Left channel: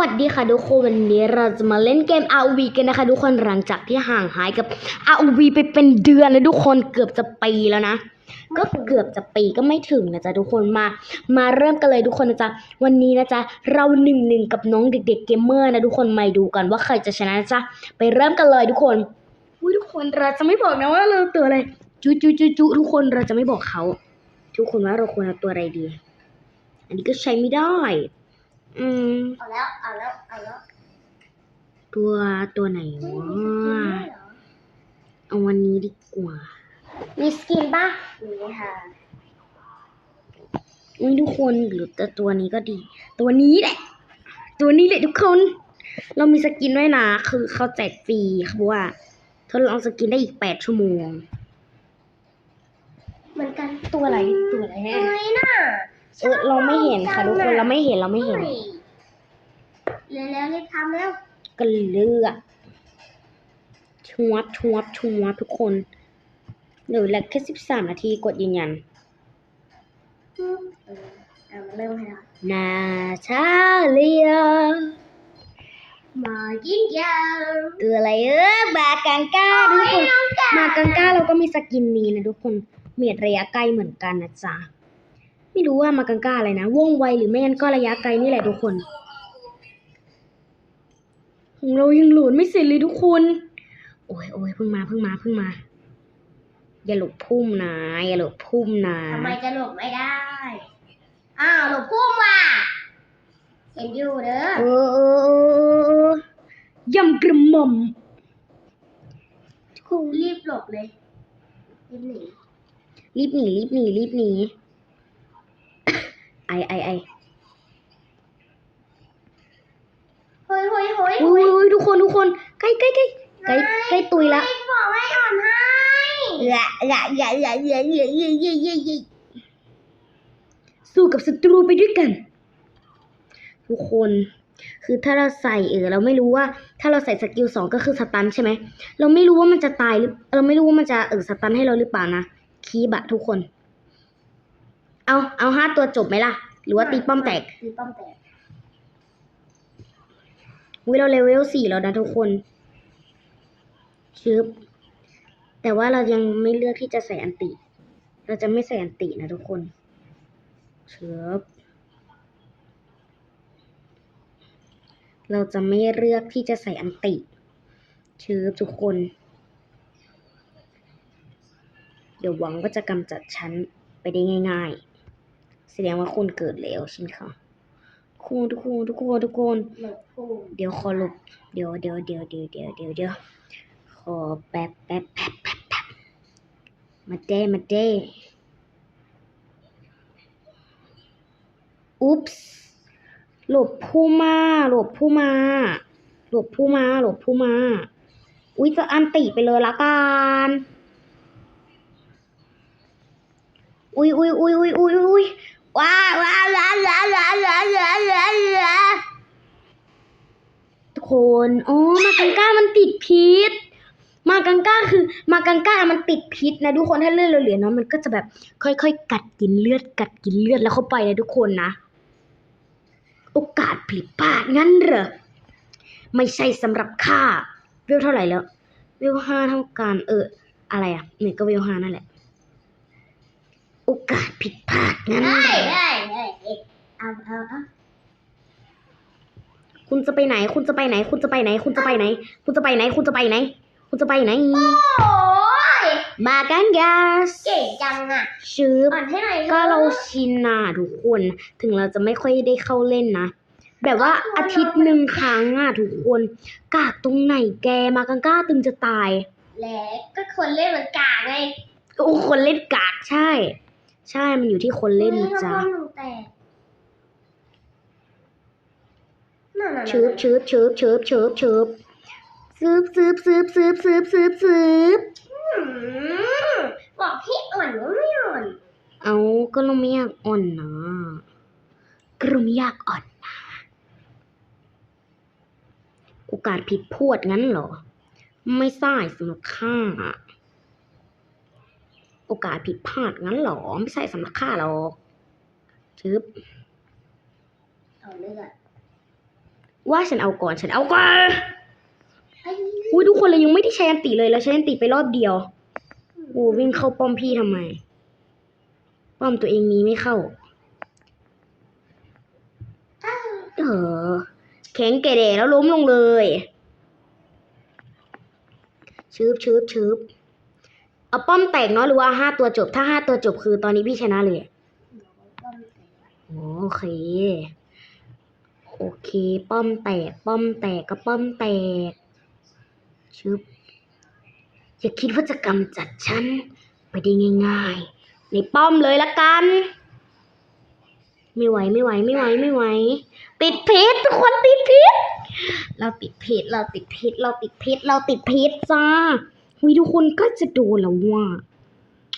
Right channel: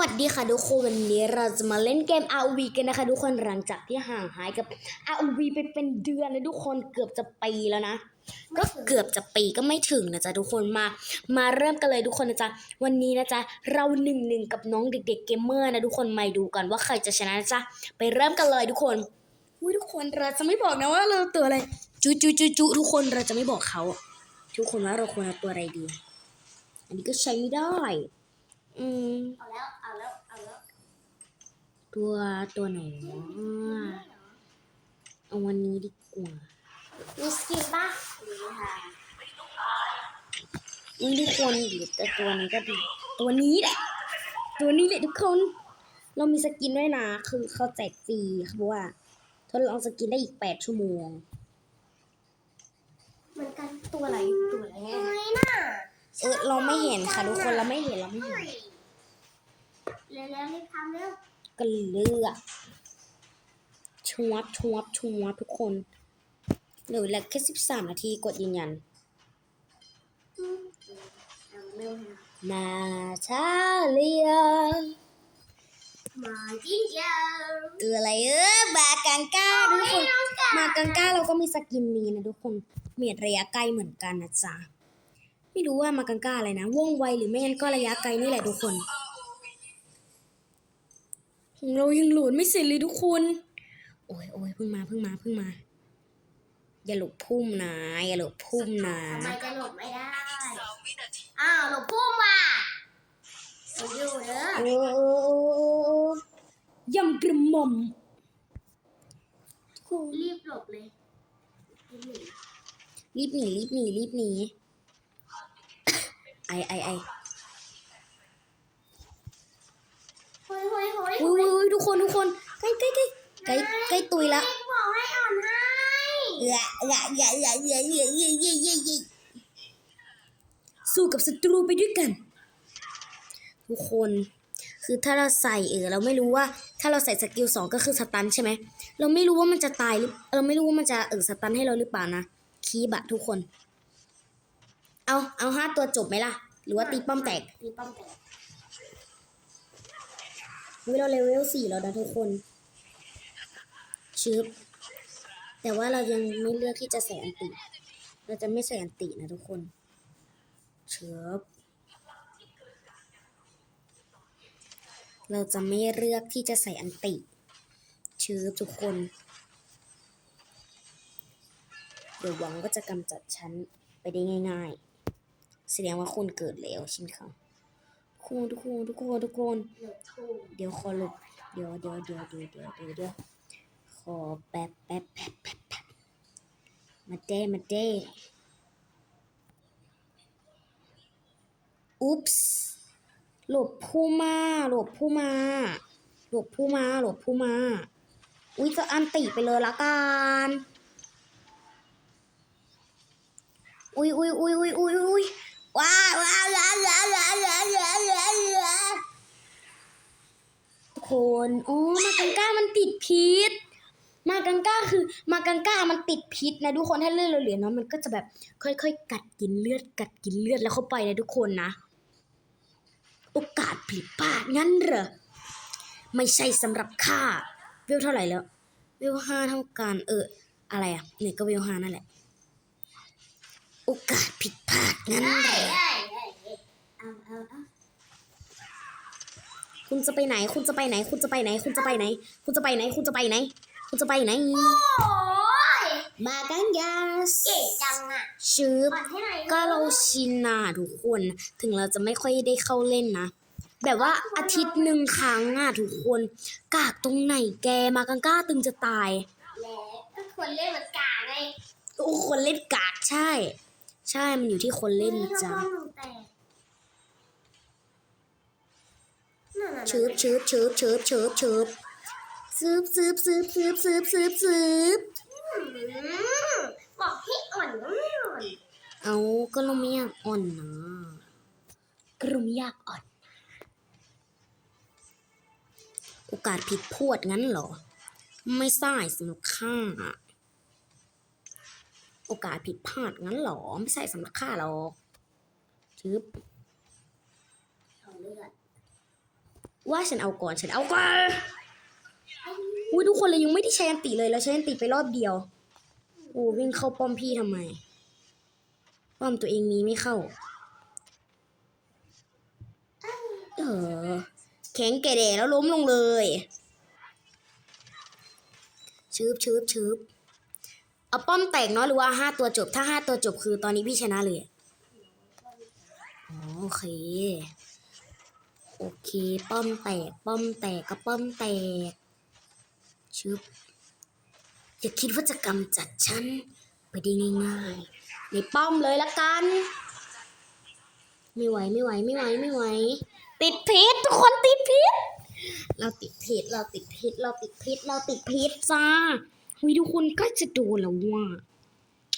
วัสดีค่ะทุกคนวันนี้เราจะมาเล่นเกม ROV กันนะคะทุกคนหลังจากที่ห่างหายกับ ROV ไปเป็นเดือนแล้วทุกคนเกือบจะปีแล้วนะ ก็เกือบจะปีก็ไม่ถึงนะจ๊ะทุกคนมา มาเริ่มกันเลยทุกคนนะจ๊ะวันนี้นะจ๊ะเราหนึ่งหนึ่งกับน้องเด็กๆเกมเมอร์นะทุกคนมาดูกันว่าใครจะชนะนะจ๊ะไปเริ่มกันเลยทุกคนอุ้ยทุกคนเราจะไม่บอกนะว่าเราตัวอะไรจุจุจุจุทุกคนเราจะไม่บอกเขา ทุกคนว่าเราควรเอาตัวอะไรดี อันนี้ก็ใช้ไม่ได้ อืม เอาแล้ว เอาแล้ว เอาแล้วตัวตัวไหนวะเอาวันนี้ดีกว่า มีสกินป่ะมีค่ะอุ้ยทุกคนหรือแต่ตัวนี้ก็ดี ตัวนี้แหละ ตัวนี้แหละทุกคน เรามีสกินด้วยนะ คือเขาแจกฟรีเขาบอกว่าทดลองสกินได้อีกแปดชั่วโมง เหมือนกันตัวอะไรตัวอะไรทำไมน่ะ เออเราไม่เห็นค่ะทุกคนเราไม่เห็นเราไม่เห็นเร็วแล้วรีบทำแล้วก็เลือกชวบชวบชวบทุกคนเหลือแล้วแค่สิบสามนาทีกดยืนยันเออเอามาเริ่มให้แล้วนาชาเลียมาจิ้นยาวตัวอะไรเออบากังก้าทุกคนมากังก้าเราก็มีสกินนี้นะทุกคนเมียดระยะไกลเหมือนกันนะจ๊ะ ไม่รู้ว่ามากังก้าอะไรนะว่องไวหรือไม่งั้นก็ระยะไกลนี่แหละทุกคนของเรายังโหลดไม่เสร็จเลยทุกคน โอ้ยโอ้ยเพิ่งมาเพิ่งมาเพิ่งมา อย่าหลบพุ่มนะอย่าหลบพุ่มนะทำไมจะหลบไม่ได้ อ้าวหลบพุ่มว่ะเป็นอยู่เด้อเออเออเออเออยำกระหม่อมครูรีบหลบเลยรีบหนีรีบหนีรีบหนีรีบหนี ไอไอไอเฮ้ยเฮ้ยเฮ้ยอุ้ยอุ้ยทุกคนทุกคนใกล้ใกล้ใกล้ใกล้ใกล้ตุยละรีบบอกให้อ่อนให้อย่าอย่าอย่าอย่าอย่าอย่าอย่าอย่าอย่าอย่าสู้กับศัตรูไปด้วยกัน ทุกคนคือถ้าเราใส่เออเราไม่รู้ว่า ถ้าเราใส่สกิลสองก็คือสตันใช่ไหมเราไม่รู้ว่ามันจะตายหรือเราไม่รู้ว่ามันจะเออสตันให้เราหรือเปล่านะคีบะทุกคน เอาเอาห้าตัวจบไหมล่ะ หรือว่าตีป้อมแตกตีป้อมแตกวิเราเลเวลสี่แล้วนะทุกคนชึบแต่ว่าเรายังไม่เลือกที่จะใส่อันติ เราจะไม่ใส่อันตินะทุกคนชึบเราจะไม่เลือกที่จะใส่อันติชึบทุกคน เดี๋ยวหวังว่าจะกำจัดฉันไปได้ง่าย ๆ แสดงว่าคุณเกิดแล้วใช่ไหมคะทุกคนทุกคนทุกคนทุกคนเดี๋ยวขอหลบเดี๋ยวเดี๋ยวเดี๋ยวเดี๋ยวเดี๋ยวเดี๋ยวเดี๋ยวขอแป๊บแป๊บแป๊บแป๊บแป๊บมาเด้มาเด้อุ๊ปส์หลบผู้มาหลบผู้มาหลบผู้มาหลบผู้มา อุ๊ยจะอันติไปเลยละกันอุ๊ยอุ๊ยอุ๊ยอุ๊ยอุ๊ยอุ๊ย ว้าวว้าวว้าวว้าวว้าวว้าวว้าวว้าวว้าวทุกคนอ๋อมากังก้ามันติดพิษ มากังก้าคือมากังก้ามันติดพิษนะทุกคนถ้าเลือดเราเหลือเนาะมันก็จะแบบค่อยๆ กัดกินเลือดกัดกินเลือดแล้วเข้าไปนะทุกคนนะ โอกาสผิดพลาดงั้นเหรอไม่ใช่สำหรับข้าเวเท่าไหร่แล้วเวห้าเท่ากันเอออะไรอะเนี่ยก็เวห้านั่นแหละ โอกาสผิดพลาดงั้นเฮ้เหรอยเฮ้ยเฮ้ยเฮ้ยเอาเอาเอาคุณจะไปไหน คุณจะไปไหน คุณจะไปไหน คุณจะไปไหน คุณจะไปไหน คุณจะไปไหน คุณจะไปไหน โอ้ยบากันยาสเก่งจังอะชืบอ่อนให้หน่อยถอะก็เราชินนะทุกคน ถึงเราจะไม่ค่อยได้เข้าเล่นนะ แบบว่าอาทิตย์หนึ่งครั้งอะทุกคน กากตรงไหนแกมากังก้าตึงจะตาย แล้วก็คนเล่นเหมือนกาไง โอ้คนเล่นกากใช่ ใช่มันอยู่ที่คนเล่นนะจ๊ะฮ้ยทำไมมันแตกนั่นน่ะชืบชืบชืบชืบชืบชืบสืบสืบสืบสืบสืบสืบสืบอืมบอกพี่อ่อนว่าไม่อ่อน เอาก็เราไม่อยากอ่อนนะก็เราไม่อยากอ่อนนะโอกาสผิดพวดงั้นเหรอ ไม่ใช่สำหรับข้าอะ โอกาสผิดพลาดงั้นเหรอ ไม่ใช่สำหรับข้าหรอกทึบเอาเลือดว่าฉันเอาก่อนฉันเอาก่อนอุ้ยทุกคนเลยยังไม่ได้ใช้อันติเลยแล้วใช้อันติไปรอบเดียวโอ้วิ่งเข้าป้อมพี่ทำไม ป้อมตัวเองมีไม่เข้า เออ แข็งแก่แดแล้วล้มลงเลยชืบชืบชืบ เอาป้อมแตกเนาะหรือว่าห้าตัวจบ ถ้าห้าตัวจบคือตอนนี้พี่ชนะเลยโอเค โอเค ป้อมแตก ป้อมแตกก็ป้อมแตกชึบอย่าคิดว่าจะกำจัดฉัน ไปได้ง่ายๆในป้อมเลยละกัน ไม่ไหวไม่ไหวไม่ไหวไม่ไหว ติดพิษทุกคนติดพิษเราติดพิษเราติดพิษเราติดพิษเราติดพิษจ้า วิทุกคนก็จะโดนแล้วว่า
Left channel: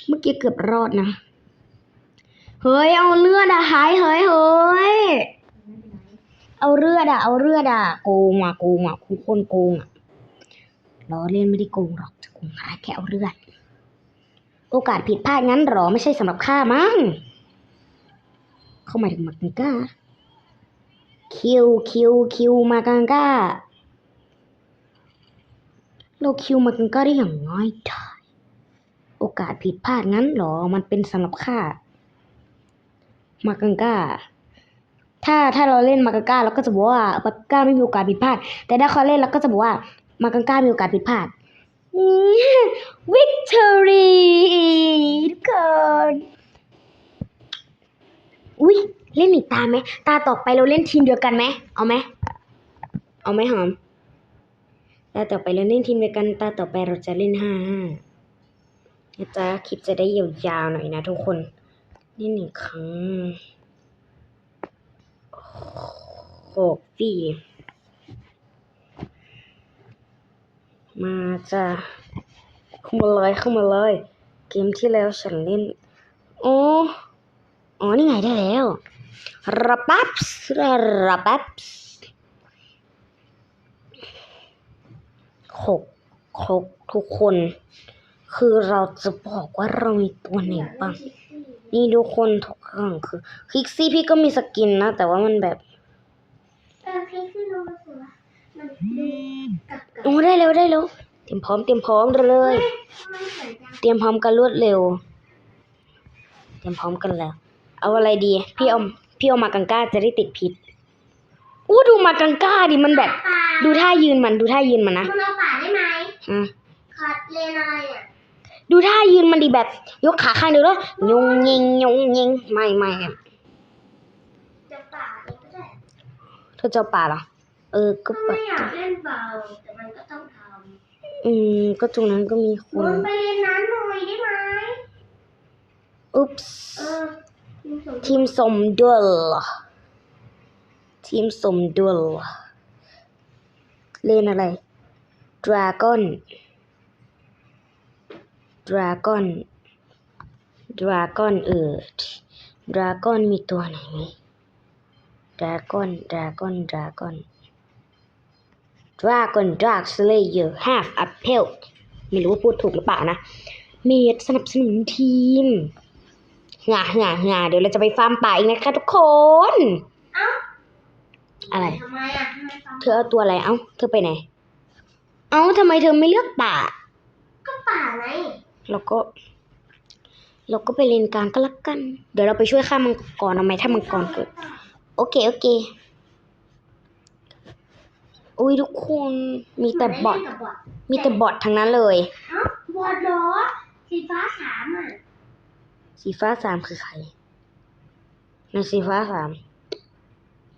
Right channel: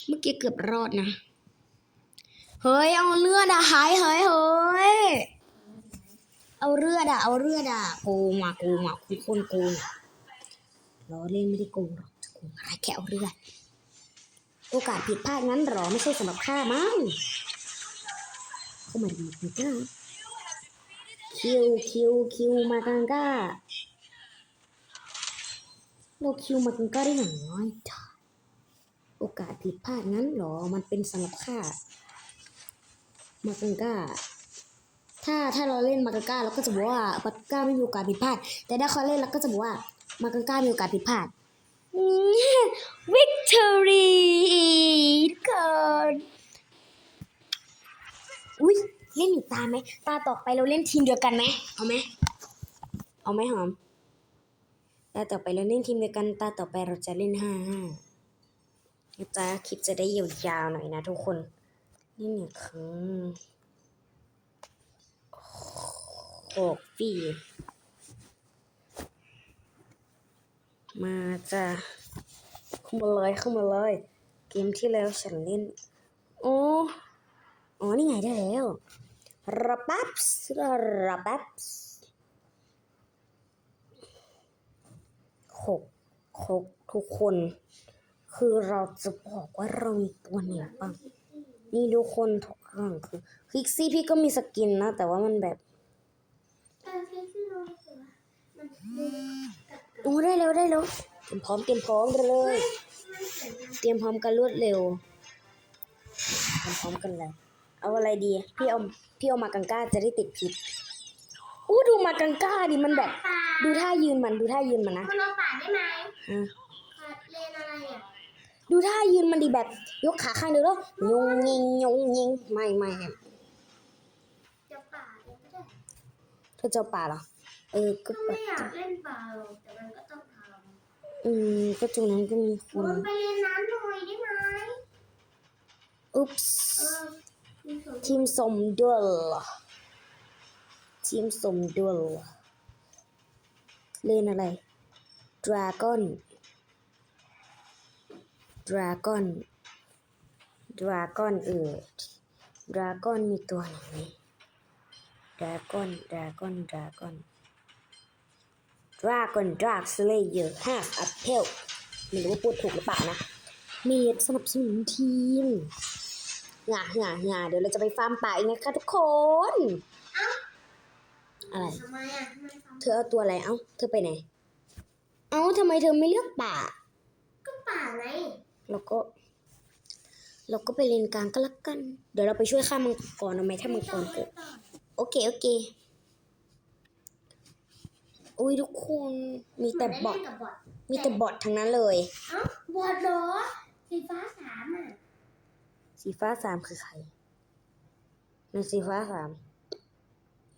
เมื่อกี้เกือบรอดนะ เฮ้ย เอาเลือดอะหายเฮ้ยเฮ้ย เอาเลือดอะเอาเลือดอะโกงว่ะโกงว่ะคุณคนโกงล้อเล่นไม่ได้โกงหรอกจะโกงอะไรแค่เอาเลือด โอกาสผิดพลาดงั้นหรอไม่ใช่สำหรับข้ามั้ง เข้ามาถึงมากังก้า คิวคิวคิวมากังก้า เราคิวมากังก้าได้อย่างน้อยได้โอกาสผิดพลาดงั้นหรอ มันเป็นสำหรับข้า มากังก้า ถ้าถ้าเราเล่นมากังก้าเราก็จะบอกว่ามากังก้าไม่มีโอกาสผิดพลาด แต่ถ้าเขาเล่นเราก็จะบอกว่ามากังก้ามีโอกาสผิดพลาดวิกตอรี่ทุกคนอุ้ยเล่นอีกตาไหม ตาต่อไปเราเล่นทีมเดียวกันไหม เอาไหม เอาไหมหอม ตาต่อไปเราเล่นทีมเดียวกันตาต่อไปเราจะเล่นห้าห้านะจ๊ะคลิปจะได้ยาวๆหน่อยนะทุกคนนี่หนึ่งครั้งโอ้ปีมาจ้ะเข้ามาเลยเข้ามาเลย เกมที่แล้วฉันเล่นโอ้อ๋อ นี่ไงได้แล้วระปับส์ระปับ หกหกทุกคน คือเราจะบอกว่าเรามีตัวไหนบ้างนี่ทุกคนทุกครั้งคือคิกซี่พี่ก็มีสกินนะ แต่ว่ามันแบบเออพี่คือรู้สึกว่ามันกับกับโอ้ได้แล้วได้แล้วเตรียมพร้อมเตรียมพร้อมเลยมันเหมือนกันเตรียมพร้อมกันรวดเร็วเตรียมพร้อมกันแล้ว เอาอะไรดี พี่เอาพี่เอามากังก้าจะได้ติดพิษอู้ดูมากังก้าดิมันแบบป่าดูท่ายืนมันดูท่ายืนมันนะ มันเอาป่าได้ไหมฮะขาดเลนอะไรอะดูท่ายืนมันดีแบบ ยกขาข้างเดียวแล้วยงยิงยงยิงไม่ไม่อะจะป่าเองก็ได้เธอจะเอาป่าเหรอเออก็ก็ป่าไม่อยากเล่นเบาแต่มันก็ต้องทอืมก็ตรงนั้นก็มีคำลนงไปเรียนน้ำหน่อยได้ไหมอุ๊ปส์เออมีสมทีมสมดุลทีมสมดุลเล่นอะไร ดราก้อนดราก้อนดราก้อนเออดราก้อนมีตัวไหนไหมดราก้อนดราก้อนดราก้อนดราก้อนดราร์กสเลเยอร์ห้าอัพเพลไม่รู้ว่าพูดถูกหรือเปล่านะ เมดสนับสนุนทีมหงาหงาหงาเดี๋ยวเราจะไปฟาร์มป่าอีกนะคะทุกคนเอ้าอะไรทำไมอะทำไมฟังเธอเอาตัวอะไร เอ้า เธอไปไหน เอ้าทำไมเธอไม่เลือกป่า ก็ป่าไงเราก็ เราก็ไปเลนกลางก็แล้วกัน เดี๋ยวเราไปช่วยฆ่ามังกรเอาไหมถ้ามังกรเกิด โอเคโอเค อุ้ยทุกคนมีแต่บอทเหมืนได้เล่นกับบอทมีแต่บอททั้งนั้นเลยเอ้าบอทเหรอสีฟ้าสามอะสีฟ้าสามคือใครในสีฟ้าสาม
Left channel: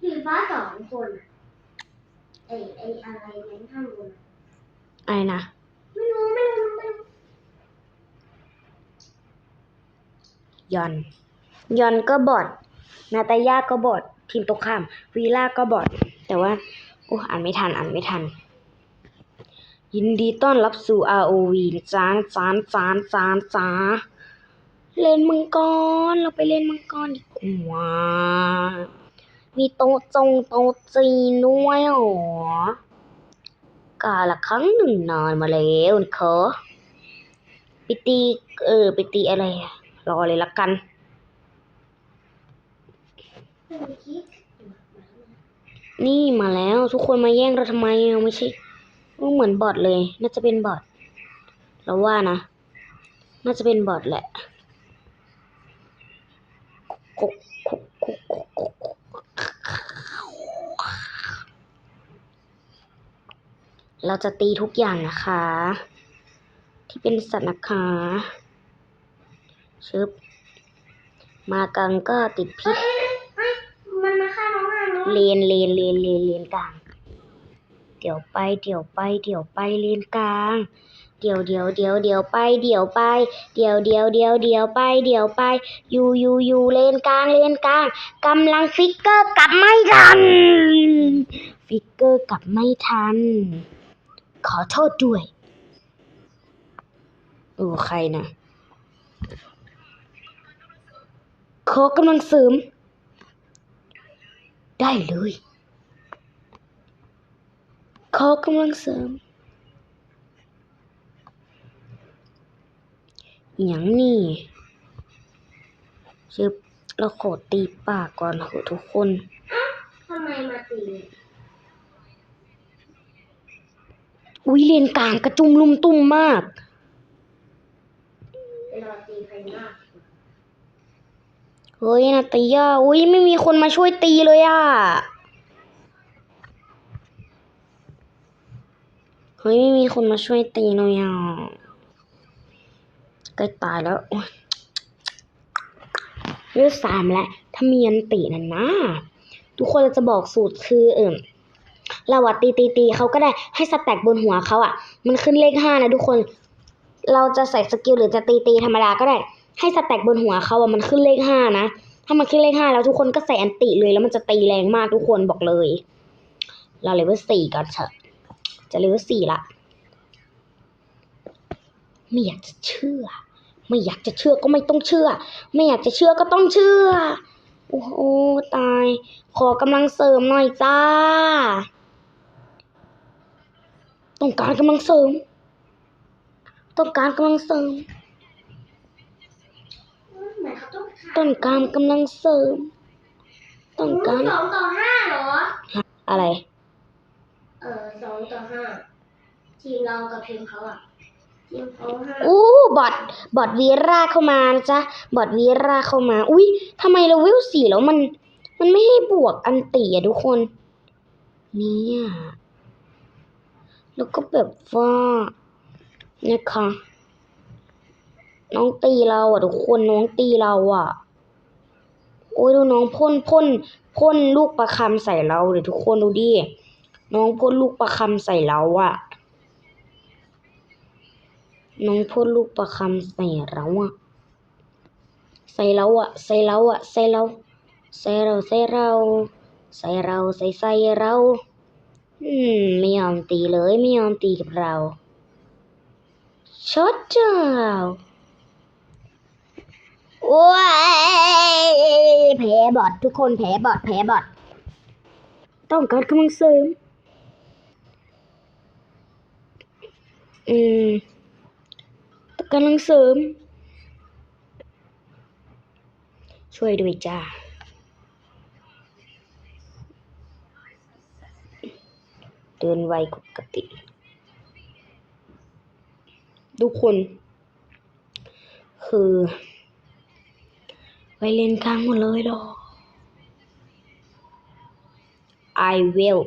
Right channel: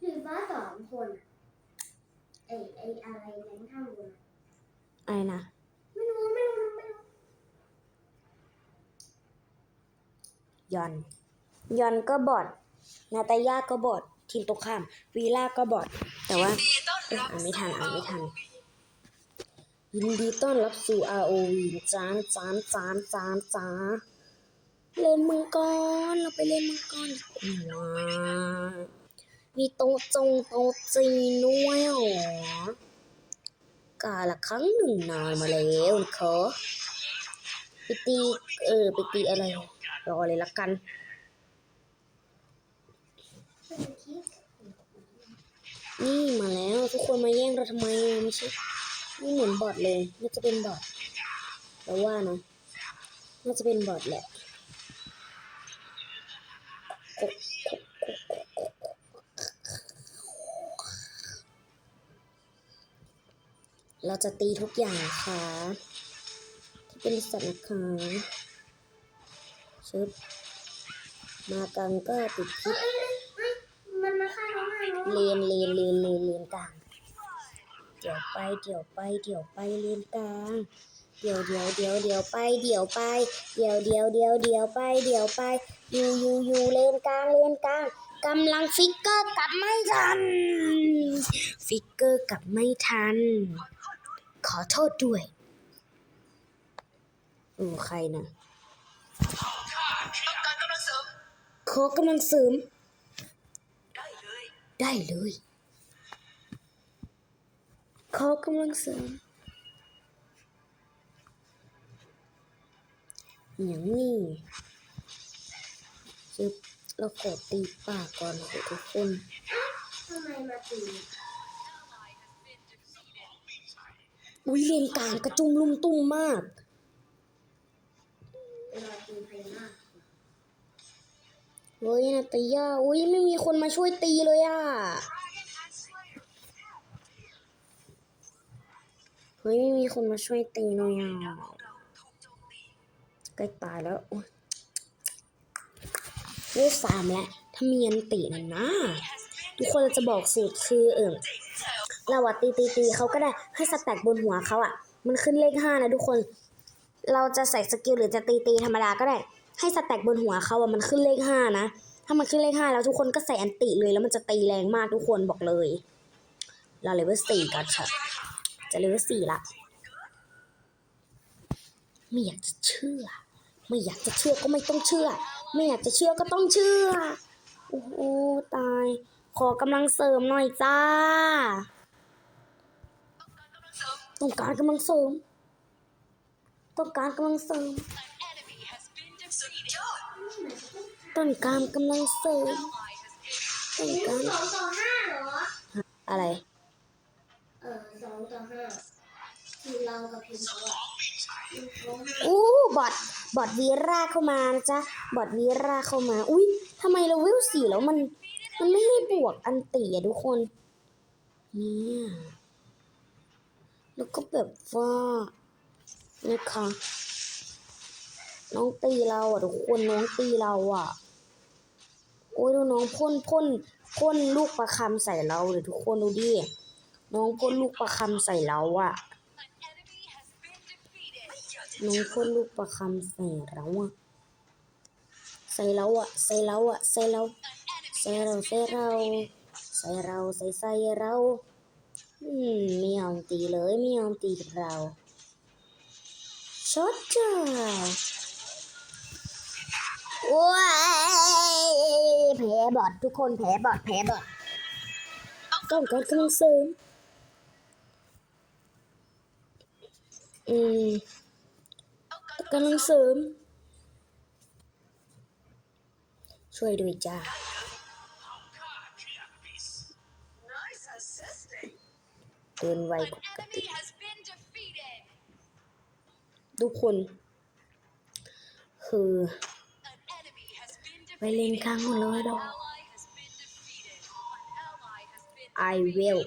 สีฟ้าสองคนอะไอไออะไรเน้นข้างบน อะอะไรนะไม่รู้ไม่รู้ไม่รู้ยอนยอนก็บอด นาตาย่าก็บอด ทีมตรงข้าม วีล่าก็บอด แต่ว่าโอ้อ่านไม่ทัน อ่านไม่ทัน ยินดีต้อนรับสู่ ROV จ้านจ้านจ้านจ้านจ้าเล่นมังกร เราไปเล่นมังกรดีกว่ามีโต๊ะจงโต๊ะจีนด้วยเหรอ กาละครั้งหนึ่งนานมาแล้วนะคะไปตีเออไปตีอะไร รอเลยละกันไม่รู้คิดนี่มาแล้วทุกคนมาแย่งเราทำไมอะไม่ใช่ก็เหมือนบอทเลย น่าจะเป็นบอทเราว่านะ น่าจะเป็นบอทแหละกุกกุกกุกกุกกุกกุ๊ก เราจะตีทุกอย่างนะคะ ที่เป็นสัตว์นะคะชึบมากังก็ติดพิษเฮ้ยนมาฆ่าน้องอะน้องเลนเลนเลนเลนเลนกลาง เดี๋ยวไปเดี๋ยวไปเดี๋ยวไปเลนกลาง เดี๋ยวเดี๋ยวเดี๋ยวเดี๋ยวไปเดี๋ยวไป เดี๋ยวเดี๋ยวเดี๋ยวเดี๋ยวไปเดี๋ยวไปอยู่อยู่อยู่เลนกลางเลนกลางกำลังฟิกเกอร์กลับไม่ทัน ฟิกเกอร์กลับไม่ทัน ขอโทษด้วยโอ้ใครนะขอกำลังเสริม ได้เลย ขอกำลังเสริมอย่างนี้ชึบเราโกดตีปากก่อนเถอะทุกคนทำไมมาตี อุ้ยเลนกลางกระจุมลุมตุ้มมาก เฮ้ยนาตยาอุ้ยไม่มีคนมาช่วยตีเลยอะ เฮ้ยไม่มีคนมาช่วยตีเลยอะใกล้ตายแล้วเลือดสามแล้วถ้ามีอันตินั่นนะ ทุกคนจะบอกสูตรคือเอิ่ม เราอะตีตีตีเขาก็ได้ให้สแต็กบนหัวเขาอะมันขึ้นเลขห้านะทุกคน เราจะใส่สกิลหรือจะตีตีธรรมดาก็ได้ ให้สแต็กบนหัวเขาอะมันขึ้นเลขห้านะถ้ามันขึ้นเลขห้าแล้วทุกคนก็ใส่อันติเลยแล้วมันจะตีแรงมากทุกคนบอกเลย เราเลเวลสี่กันช็อตจะเลเวลสี่ละไม่อยากจะเชื่อ ไม่อยากจะเชื่อก็ไม่ต้องเชื่อ ไม่อยากจะเชื่อก็ต้องเชื่อ โอ้โหตาย ขอกำลังเสริมหน่อยจ้า ต้องการกำลังเสริม ต้องการกำลังเสริมทำไมเขาต้องฆ่าต้องการกำลังเสริม ต้องการสองต่อห้าเหรอ อะไร เออสองต่อห้าทีมเรากับทีมเขาอะทีมเขาห้าอู้บอดบอดวีราเข้ามานะจ๊ะบอดวีราเข้ามา อุ้ยทำไมเราเวลสี่แล้วมัน มันไม่ให้บวกอันตีอะทุกคน เนี่ย แล้วก็แบบว่านี่ค่ะน้องตีเราอะทุกคนน้องตีเราอะโอ้ยดูน้องพ่นพ่นพ่นลูกประคำใส่เราเดี๋ยวทุกคนดูดิ น้องพ่นลูกประคำใส่เราอะน้องพ่นลูกประคำใส่เราอะใส่เราอะใส่เราอะใส่เรา ใส่เรา ใส่เรา ใส่เรา ใส่ใส่เรา อืม ไม่ยอมตีเลย ไม่ยอมตีกับเราช็อตเจ้าโอ้ยแผลบอดทุกคนแผลบอดแผลบอดต้องการกำลังเสริมอืมกำลังเสริม ช่วยด้วยจ้า เดินไวกว่าปกติ ทุกคน คือไปเล่นกลางหมดเลยดอก I will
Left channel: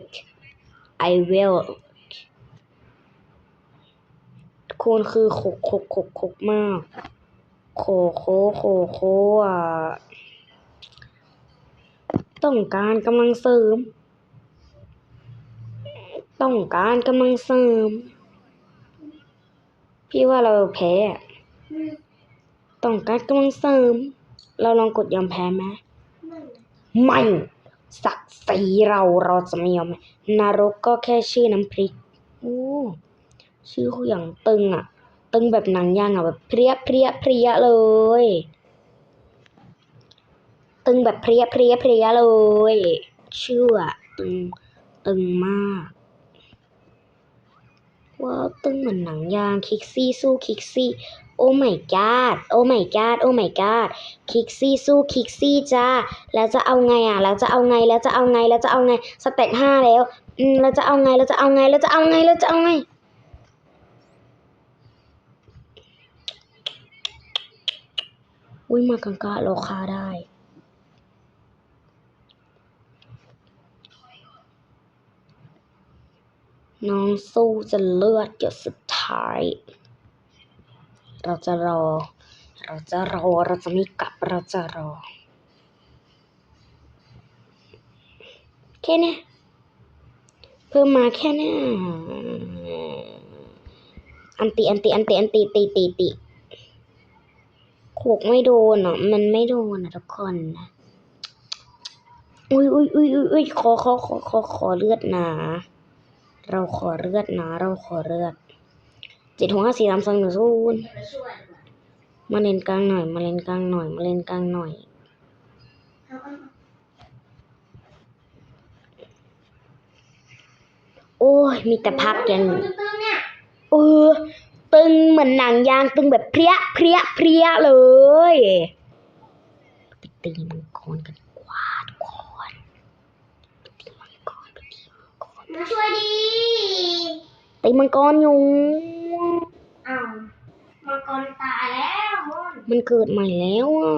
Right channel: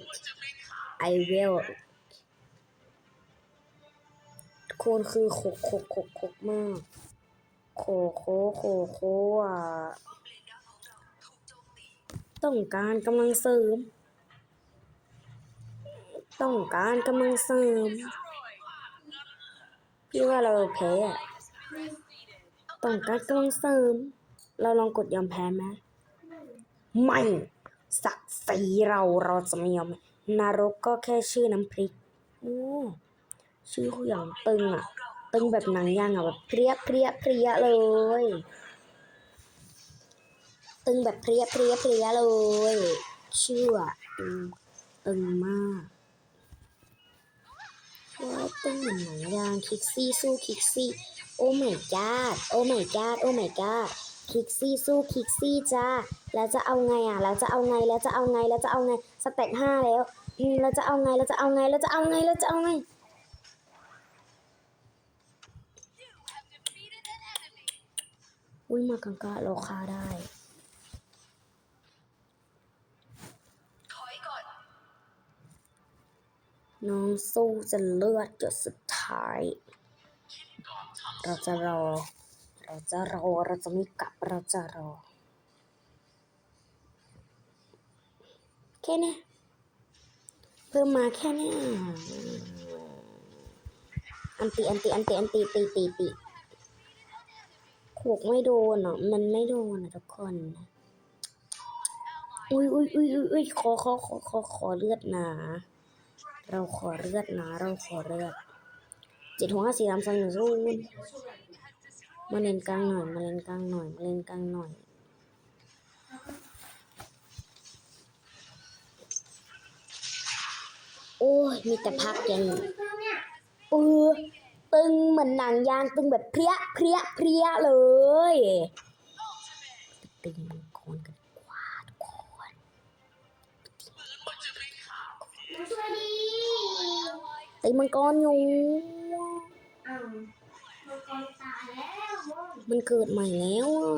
I will ทุกคนคือโคกโคกโคกโคกมาก โคโคโคโคอะต้องการกำลังเสริม ต้องการกำลังเสริม พี่ว่าเราแพ้ ต้องการกำลังเสริม เราลองกดยอมแพ้ไหมไม่ศักดิ์ศรีเราเราจะไม่ยอมนรกก็แค่ชื่อน้ำพริกโอ้ชื่อเขาอย่างตึงอะ ตึงแบบหนังยางอะแบบเพรียเพรียเพรียเลย ตึงแบบเพรียเพรียเพรียเลย ชื่ออะตึงตึงมาก ว้าวตึ้งเหมือนหนังยางคิกซี่สู้คิกซี่ โอ้ไม่กาดโอ้ไม่กาดโอ้ไม่กาดคิกซี่สู้คิกซี่จ้า แล้วจะเอาไงอะ แล้วจะเอาไง แล้วจะเอาไง แล้วจะเอาไง สเต็ปห้าแล้ว อืม แล้วจะเอาไง แล้วจะเอาไง แล้วจะเอาไง แล้วจะเอาไงอุ้ยมากังกะโลคาได้ น้องสู้จะเลือดหยดสุดท้าย เราจะรอ เราจะรอ เราจะไม่กลับ เราจะรอ แค่เนี้ยเพิ่มมาแค่เนี้ยอันตีอันตีอันตีอันตีตีตีตีโขกไม่โดนอะมันไม่โดนอะทุกคนนะอุ้ยอุ้ยอุ้ยอุ้ยอุ้ยขอขอขอขอขอเลือดหนา เราขอเลือดนาเราขอเลือดเจ็ดหห้าสี่สามสองหนึ่งศูนย์มาเล่นกลางหน่อย มาเล่นกลางหน่อย มาเล่นกลางหน่อย โอ้ย มีแต่พักอย่างตึงเออตึงเหมือนหนังยางตึงแบบเพรี้ยเพรี้ยเพรี้ยเลยไปตีมังกรกันกวาดก่อนมาช่วยดี ตีมังกรอยู่อ้าวมังกรตายแล้วมนมันเกิดใหม่แล้วอะ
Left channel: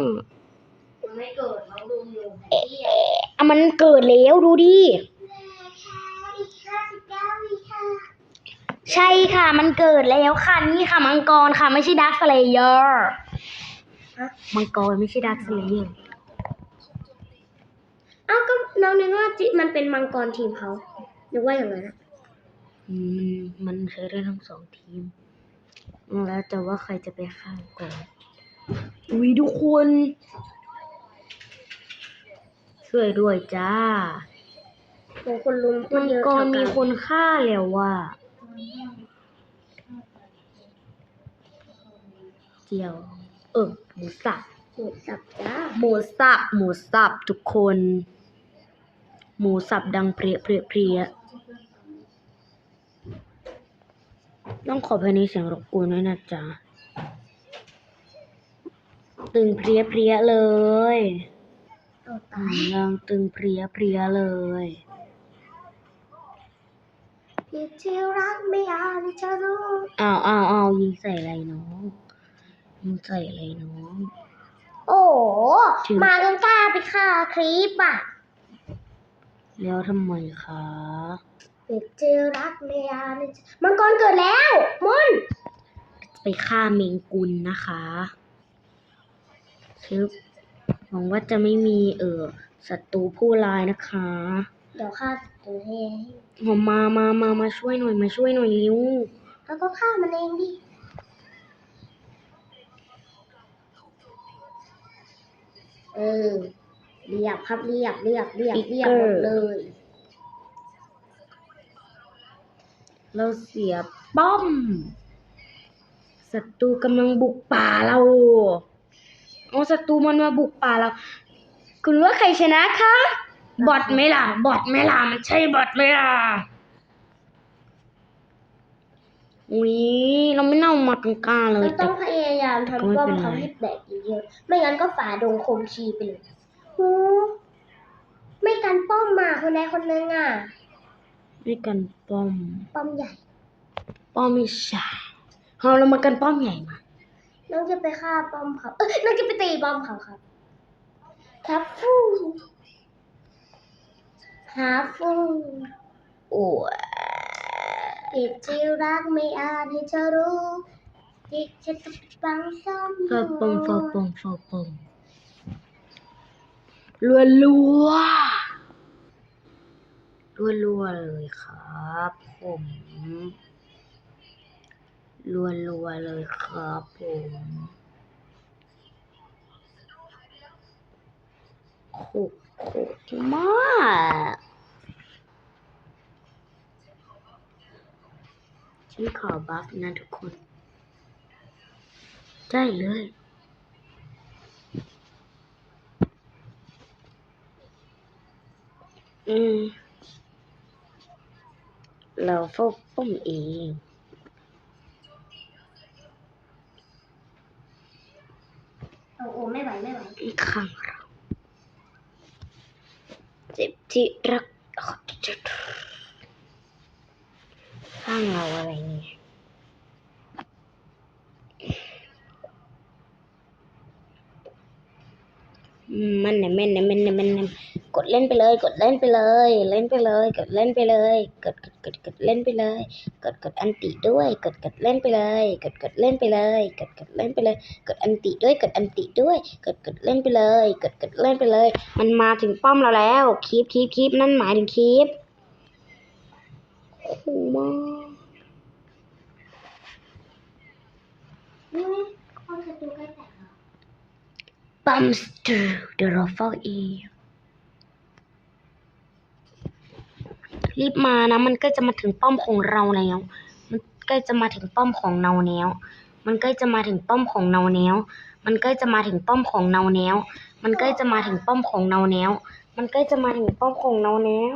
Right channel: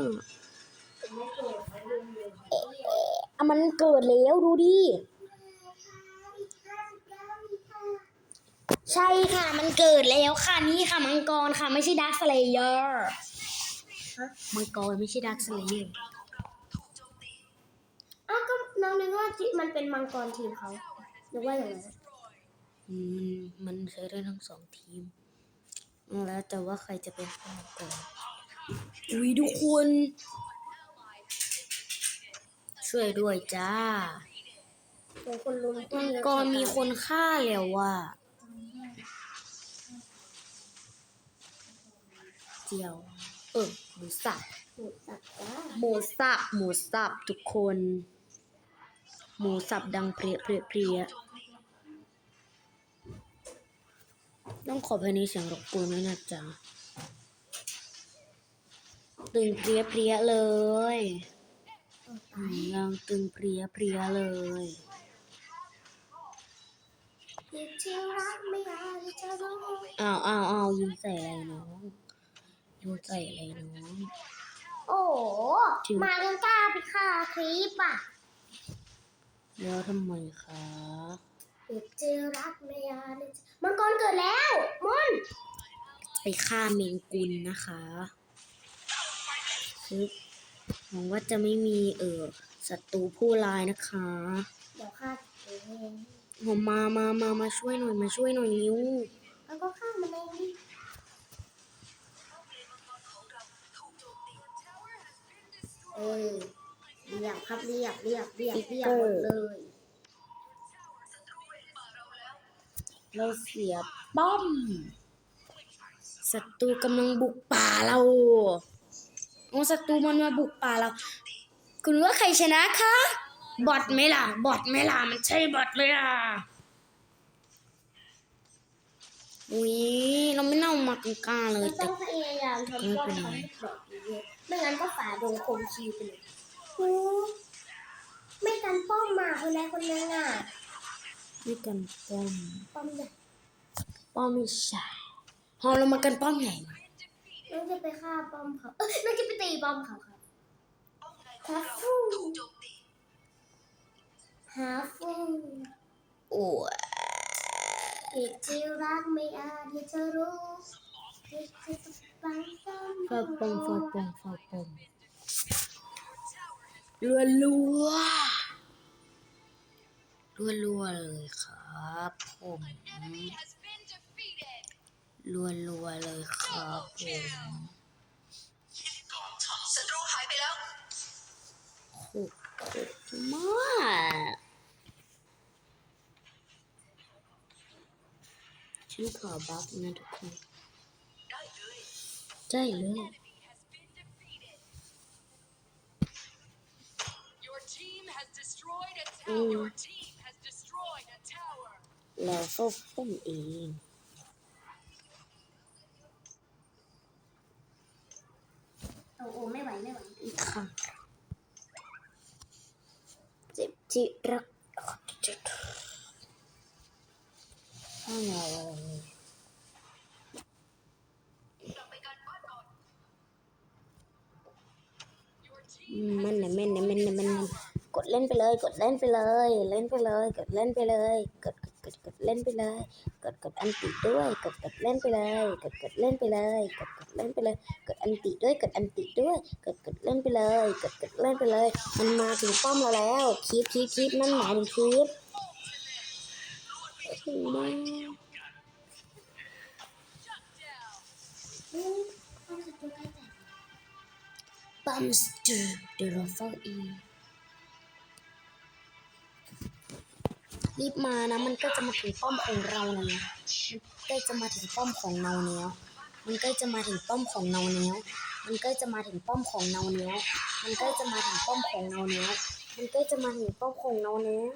ถึงไม่เกิดเราดูอยู่เอ๊ะอะมันเกิดแล้วดูดิใช่ค่ะ มันเกิดแล้วค่ะ นี่ค่ะ มังกรค่ะ ไม่ใช่ดาร์คสเลเยอร์มังกรไม่ใช่ดาร์คสเลเยอร์เอ้าก็น้องนึกว่าจิมันเป็นมังกรทีมเขานึกว่าอย่างนั้นอะ มันมันใช้ได้ทั้งสองทีม แล้วแต่ว่าใครจะไปข้างก่อนอุ้ยทุกคน ช่วยด้วยจ้าโอ้คนลุมคมันงเยอะกรเท่ามีคนฆ่าแล้วว่ะเจียว เออหมูสับ หมูสับจ้าหมูสับหมูสับทุกคน หมูสับดังเพรียเพรียเพรีย ต้องขอภายในเสียงรบกวนด้วยนะจ๊ะตึงเพรียเพรียเลยตัวอืตายมยังตึงเพรียเพรียเลยที่ที่รักไม่อาจจะรู้อ้าวอ้าวอ้าวยิงใส่อะไรน้องยิงใส่อะไรน้องโอ้โหถึงมากันกล้าไปฆ่าคลิปอะ แล้วทำไมคะ ที่ที่รักไม่อาจจะมังกรเกิดแล้วมนไปฆ่าเมงกุลนะคะคือหวังว่าจะไม่มีเออศัตรูผู้ร้ายนะคะ เดี๋ยวฆ่าเองผมมามามามาช่วยหน่อยมาช่วยหน่อยเร็วแล้วก็ฆ่ามันเองดิเออเรียบครับเรียบเรียบเรียบเรียบหมดเลย เราเสียป้อมศัตรูกำลังบุกป่าเราเอาศัตรูมันมาบุกป่าเรา คุณว่าใครชนะคะบอทไหมล่ะบอทไหมล่ะมันใช่บอทไหมล่ะอุ้ยเราไม่น่ามากังกล้าเลเรายต้แต่องพยายามทำป้อมเขาให้แตกเยอะๆไม่งั้นก็ฝ่าดงคมชีไปเลยหูไม่กันป้อมมาคนใดคนหนึงอะ ด้วยกันป้อม ป้อมใหญ่ ป้อมไม่ใช่เอาเรามากันป้อมใหญ่มา น้องจะไปฆ่าป้อมเขาเอ้ยน้องจะไปตีป้อมเขาครับครับฟูฮาฟูโอ้ยติดที่รักไม่อาจที่จะรู้ที่จะต้องบังคับฟาปงฟาปงฟาปงรัวรัว รัวรัวๆเลยครับผมรัวๆเลยครับผมโคตรโคตรมากฉันขอบัฟนะทุกคน ได้เลยอืม เราเฝ้าป้อมเองโอ้โหไม่ไหวไม่ไหวอืข้างเราเจ็บที่รักข้างเราอะไรเนี่ยอืมมันเนี่ยมันเนี่ยมันเนี่ยมันเนี่ยก ดเล่นไปเลย กดเล่นไปเลย เล่นไปเลย กดเล่นไปเลยกดกดกดกดเล่นไปเลย กดกดอันติด้วย กดกดเล่นไปเลย กดกดเล่นไปเลย กดกดเล่นไปเลย กดอันติด้วย กดอันติด้วย กดกดเล่นไปเลย กดกดเล่นไปเลย มันมาถึงป้อมเราแล้วคีบคีบคีบนั่นหมายถึงคีบโอ้โหมากอืมเอ รีบมานะ มันใกล้จะมาถึงป้อมของเราแล้วมันใกล้จะมาถึงป้อมของเราแล้ว มันใกล้จะมาถึงป้อมของเราแล้ว มันใกล้จะมาถึงป้อมของเราแล้ว มันใกล้จะมาถึงป้อมของเราแล้ว มันใกล้จะมาถึงป้อมของเราแล้ว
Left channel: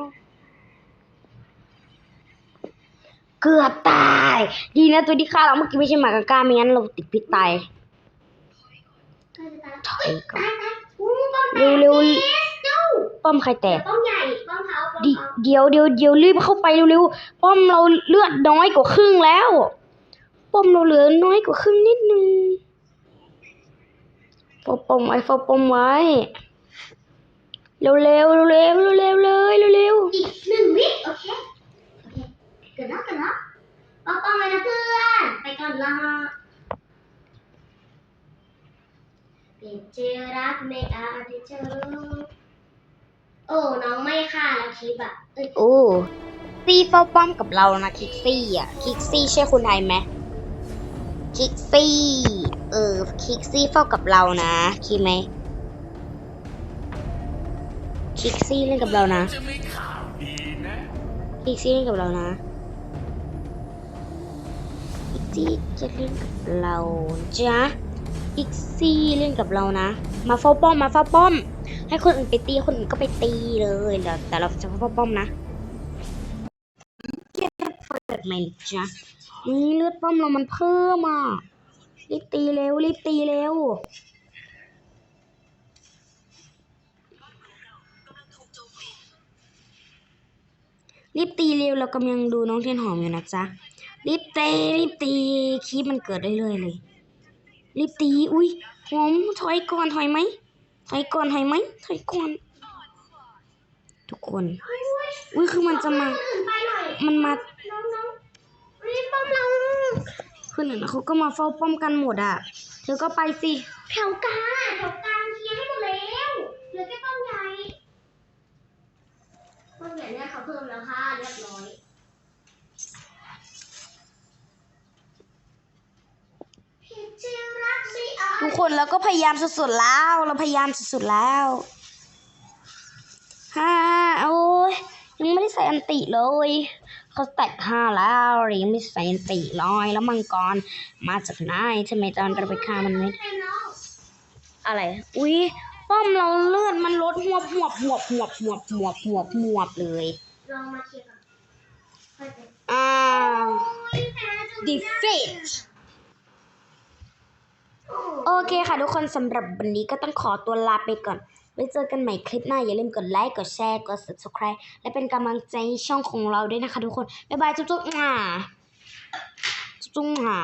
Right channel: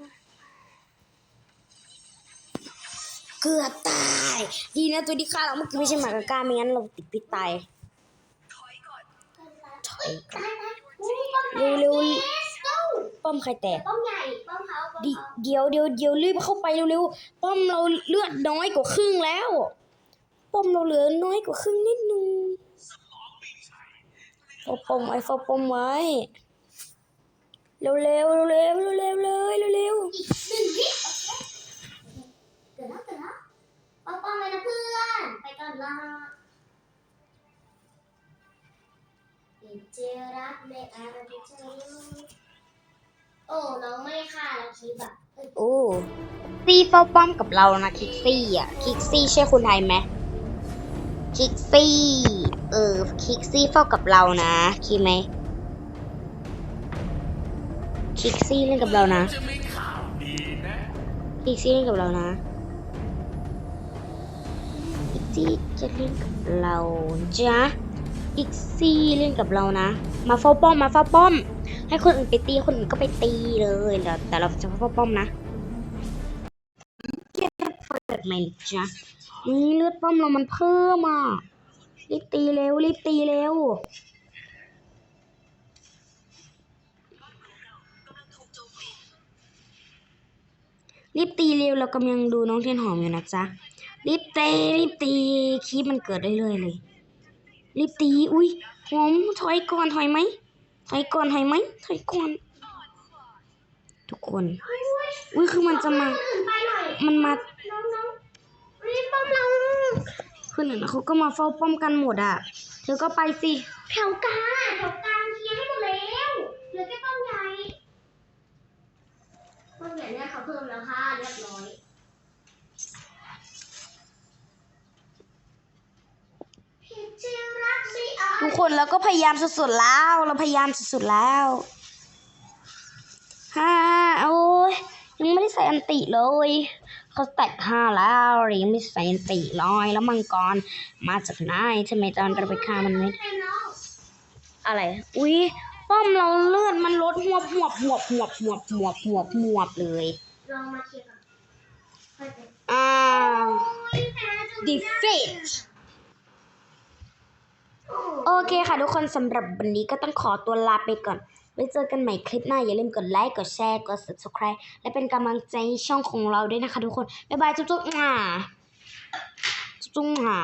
เกือบตาย ดีนะตัวที่ฆ่าเราเมื่อกี้ไม่ใช่หมากาก้าไม่งั้นเราติดพิษตายถอยก่อนตายตายอู้ป้อมเร็วเร็วเอสดูป้อมใครแตกป้อมใหญ่ป้อมเขา ดิเดี๋ยวเดี๋ยวเดี๋ยวรีบเข้าไปเร็วๆป้อมเราเลือดน้อยกว่าครึ่งแล้ว ป้อมเราเหลือน้อยกว่าครึ่งนิดนึงเฝ้าป้อมไว้เฝ้าป้อมไว้ เร็วๆเร็วๆเร็วๆเร็วเลยเร็วอีกหนึ่งวิโอเคเกิดแล้วเกิดแล้วเอาป้อมเลยนะเพื่อนไปก่อนละเป็นเจอรักไม่อาจจะเจอ โอ้น้องไม่ฆ่าแล้วคลิปอะเอ้ยๆโอ้ซี่เฝ้าป้อมกับเรานะคิกซี่อะคิกซี่ใช่คนไทยไหมคิกซี่เออคิกซี่เฝ้ากับเรานะคิดไหมคิกซี่เล่นกับเรานะจะมีข่าวดีนะพิกซี่เล่นกับเรานะพิกซี่จะเล่นกับเราจ้ะพิกซี่เล่นกับเรานะ มาเฝ้าป้อมมาเฝ้าป้อม ให้คนอื่นไปตีคนอื่นก็ไปตีเลยเดี๋ยวแต่เราจะเฝ้าป้อมนะเก็บเปิดไหมจ้ะนี่เลือดป้อมเรามันเพิ่มอะรีบตีเร็วรีบตีเร็วรีบตีเร็วเรากำลังดูน้องเทียนหอมอยู่นะจ๊ะรีบเตะรีบตีคีบมันเกิดได้เลยเลยรีบตี อุ้ยหอมถอยก่อนถอยไหม ถอยก่อนถอยไหมถอยก่อน ทุกคนอุ้ยคือมันจะมา มันมาป้อมเราคือหนึ่งเขาก็มาเฝ้าป้อมกันหมดอะ เธอก็ไปสิแถวกลางแถวกลางเคลียร์ให้หมดแล้วเหลือแค่ป้อมใหญ่ป้อมใหญ่เนี่ยเขาเพิ่มแล้วค่ะเรียบร้อยผิดจริงรักสิอะ ทุกคนเราก็พยายามสุดๆแล้ว เราพยายามสุดๆแล้วฮ่าโอ้ยยังไม่ได้ใส่อันติเลยเขาแตกห้าแล้วยังไม่ใส่อันติลอยแล้วมังกรมาจากไหนทำไมตอนเราไปฆ่ามันไม่เป็นน้องอะไร อุ้ยป้อมเราเลือดมันลดหวบหวบหวบหวบหวบหวบหวบหวบเลยลองมาเคลียร์กันค่อยไปอ้าวโอ้ยแพ้จน defeat โอเคค่ะทุกคนสำหรับวันนี้ก็ต้องขอตัวลาไปก่อน ไว้เจอกันใหม่คลิปหน้า อย่าลืมกดไลค์ กดแชร์ กด subscribe และเป็นกำลังใจให้ช่องของเราด้วยนะคะทุกคน บ๊ายบาย จุ๊บๆอ่าจุ๊บๆอ่า